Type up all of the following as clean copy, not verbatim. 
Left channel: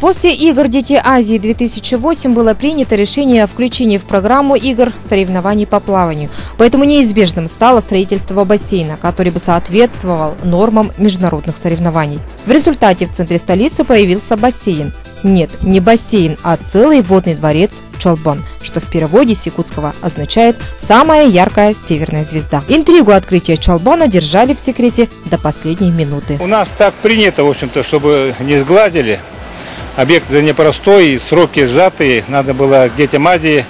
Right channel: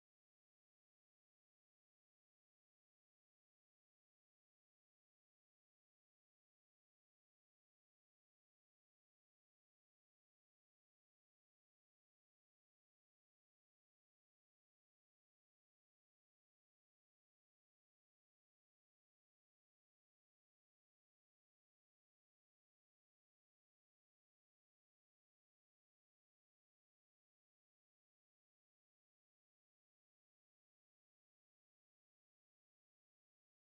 После игр «Дети Азии» 2008 было принято решение о включении в программу игр соревнований по плаванию. Поэтому неизбежным стало строительство бассейна, который бы соответствовал нормам международных соревнований. В результате в центре столицы появился бассейн. Нет, не бассейн, а целый водный дворец Чолбон, что в переводе с якутского означает «самая яркая северная звезда». Интригу открытия Чолбона держали в секрете до последней минуты. У нас так принято, в общем-то, чтобы не сглазили. Объект непростой, сроки сжатые. Надо было к детям Азии.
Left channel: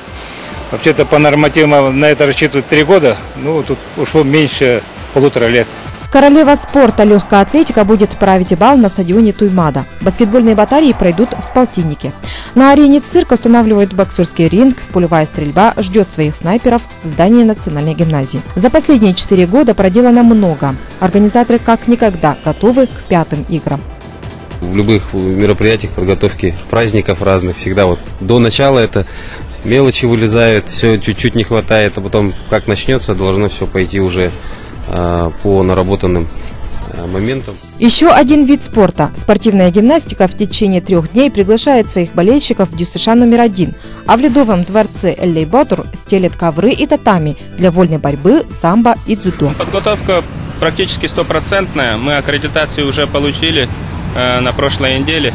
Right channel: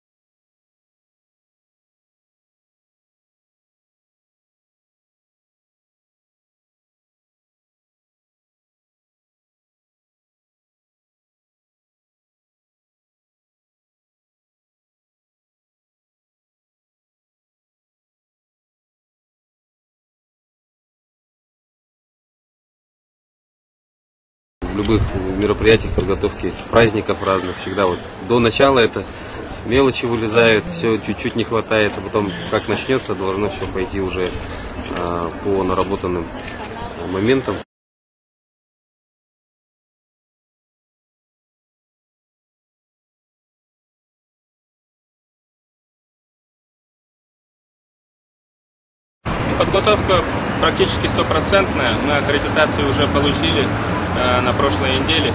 Вообще-то по нормативам на это рассчитывают 3 года. Ну, тут ушло меньше 1,5 лет. Королева спорта легкая атлетика будет править бал на стадионе Туймада. Баскетбольные баталии пройдут в полтиннике. На арене цирка устанавливают боксерский ринг, пулевая стрельба ждет своих снайперов в здании Национальной гимназии. За последние 4 года проделано много. Организаторы как никогда готовы к 5-м играм. В любых мероприятиях, подготовки праздников разных, всегда вот до начала это мелочи вылезают, все чуть-чуть не хватает, а потом как начнется, должно все пойти уже по наработанным моментам. Еще один вид спорта. Спортивная гимнастика в течение 3 дней приглашает своих болельщиков в ДЮСШ номер 1. А в Ледовом дворце Эллей-Батур стелят ковры и татами для вольной борьбы, самбо и дзюдо. Подготовка практически 100%. Мы аккредитацию уже получили на прошлой неделе.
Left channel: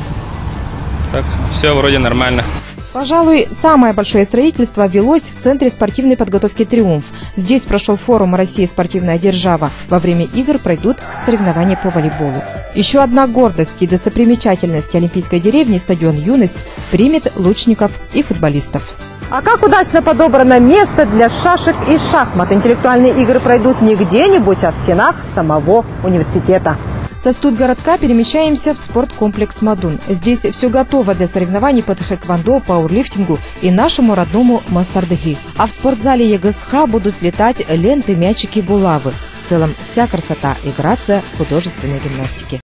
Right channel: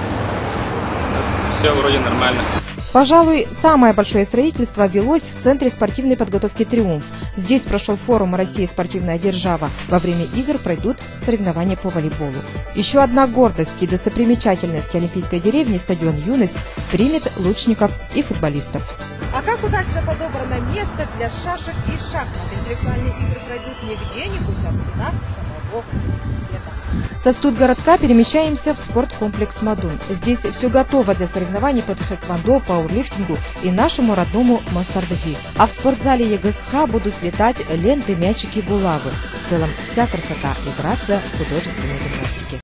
Так, все вроде нормально. Пожалуй, самое большое строительство велось в Центре спортивной подготовки «Триумф». Здесь прошел форум «Россия спортивная держава». Во время игр пройдут соревнования по волейболу. Еще одна гордость и достопримечательность Олимпийской деревни, стадион «Юность», примет лучников и футболистов. А как удачно подобрано место для шашек и шахмат. Интеллектуальные игры пройдут не где-нибудь, а в стенах самого университета. Со студгородка перемещаемся в спорткомплекс «Мадун». Здесь все готово для соревнований по тхэквондо, пауэрлифтингу и нашему родному мастардыги. А в спортзале ЕГСХ будут летать ленты, мячики, булавы. В целом вся красота и грация художественной гимнастики.